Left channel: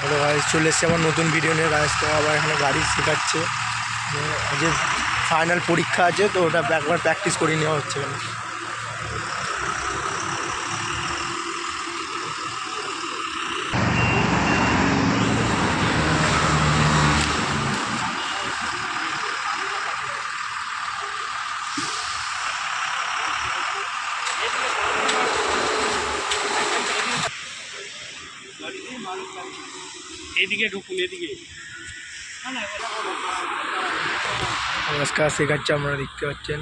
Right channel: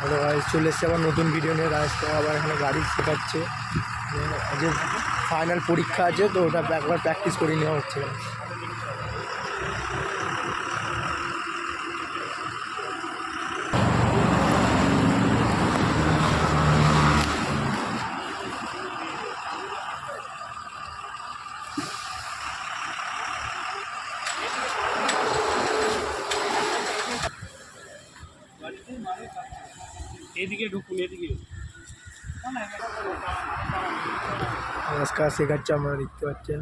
Hello guys, চলে এসেছি আমার নতুন ভিডিও নিয়ে। গাইস তো আবার এখানে গাড়ি শেখাচ্ছে, আজ ফাইনাল পরীক্ষা আছে, তো ওটা একবার প্র্যাকটিস করে নেওয়া হচ্ছে এখানে। এদিকে ঢুকুন, এদিকে নমস্কার, শেখাচ্ছে, আপনারা দেখতে পাচ্ছেন।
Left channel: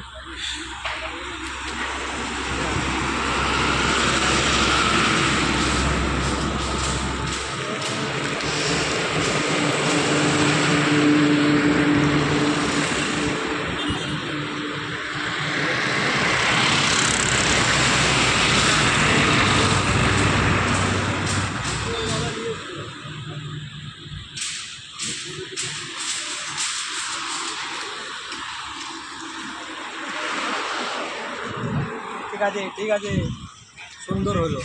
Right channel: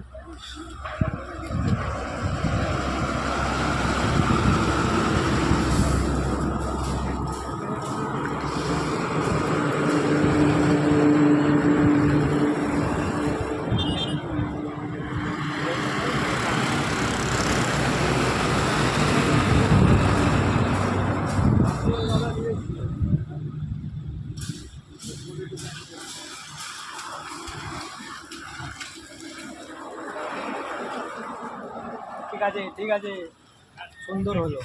ঠিক আছে, ঠিক আছে, সুন্দর হলো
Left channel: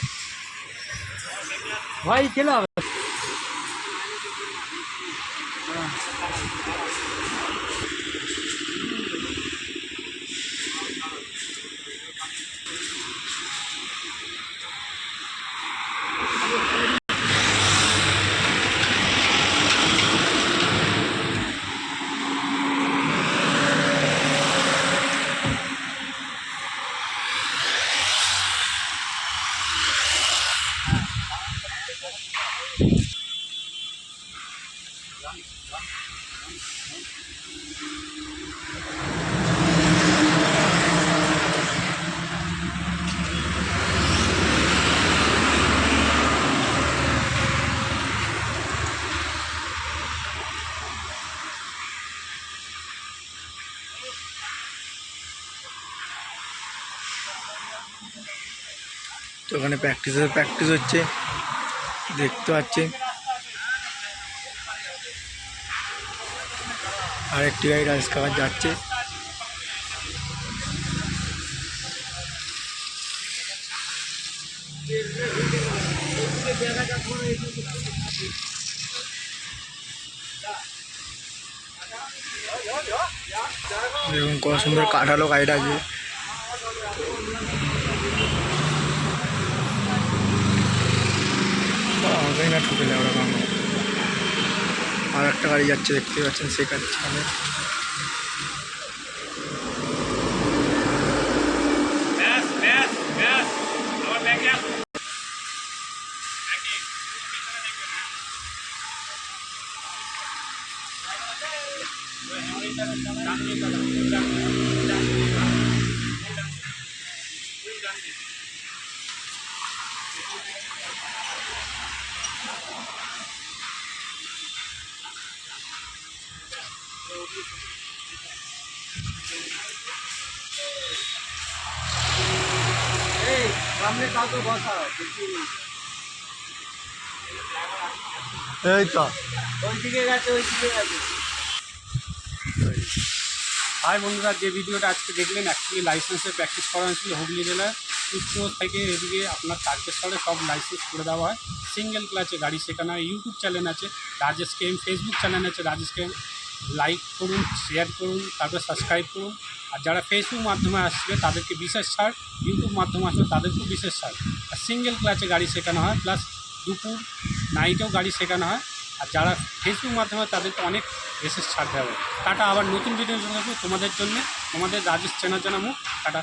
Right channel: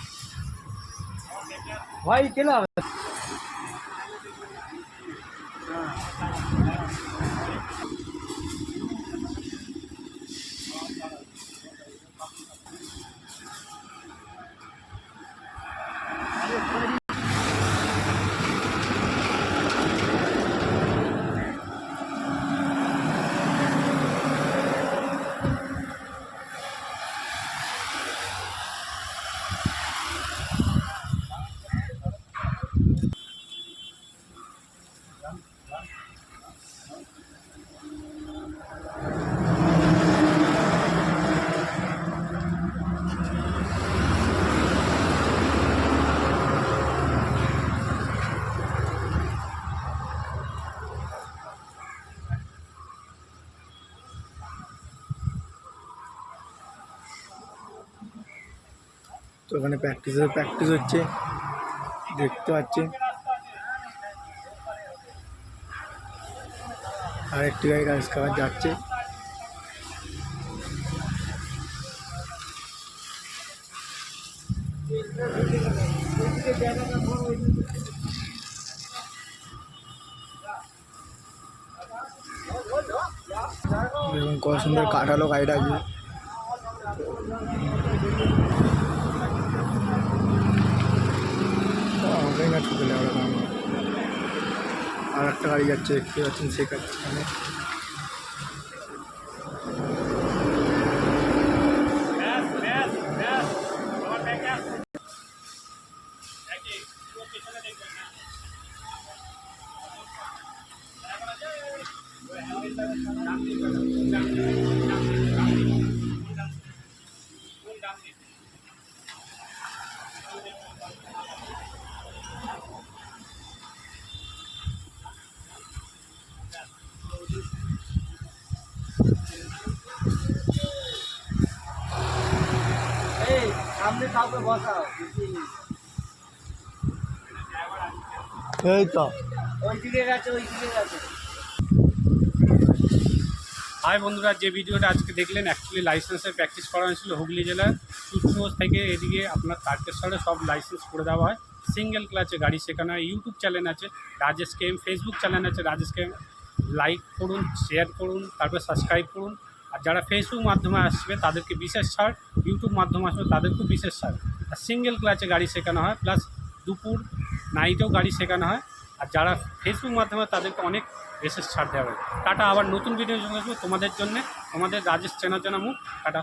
ভাই। খেলা তো ওখানে প্র্যাকটিস হচ্ছে, দেখতে পাচ্ছেন। আর একটি গাড়ি রাইস খাবার যাচ্ছে। দেখুন কত সুন্দর কাটালো গাড়িটাকে। আমাকেই না ঠুকেলে ওরা কারণ। আর একটা গাড়ি যাচ্ছে, দেখতে পাচ্ছেন, শেখাচ্ছে এখানে। ব্যাস ব্যাস ব্যাস, আবার ব্যাকে আসুন, ব্যাকে পেছনে দেখবেন। এই সামনে কাউকে বসাও, এই তো ওই দিকে গেছে, ওই দিকে গেছে। হাই বন্ধুরা, যে ভিডিওটা আজকে দেখলেন অ্যাকচুয়ালি লাইসেন্সের প্র্যাকটিস করানো ছিল হুগলি জেলার কুচবিহার থেকে। এদিকে আপনার তারকেশ্বরে সব লাইসেন্স করে দেওয়া হয়। সিঙ্গেল ক্লাচে গাড়ি শেখানো হয়। ইউটিউব চ্যানেল আছে রাজেশ কেএম, ফেসবুক চ্যানেল আছে রাজেশ কেএম। লাইক করুন, শেয়ার করুন, তারপর সাবস্ক্রাইব করুন। আর যারা ফেসবুক মাধ্যমে আসবে তাদেরকে বিশেষ ছাড়, ইউটিউব মাধ্যমে আসবে তাদেরকেও বিশেষ ছাড়। আর সিঙ্গেল ক্লাচে গাড়ি শেখানো হয়, প্লাস দুপুর নাইটেও গাড়ি শেখানো হয়। আর যারা ফেসবুক মাধ্যমে তাদেরকে অনেক বিশেষ ছাড় দেওয়া হবে। টাটা, আবার নতুন ভিডিও জন্য আসবো তোমাদের জন্যে, তোমাদের রাজেশ চেনা জানা মুখ। টাটা।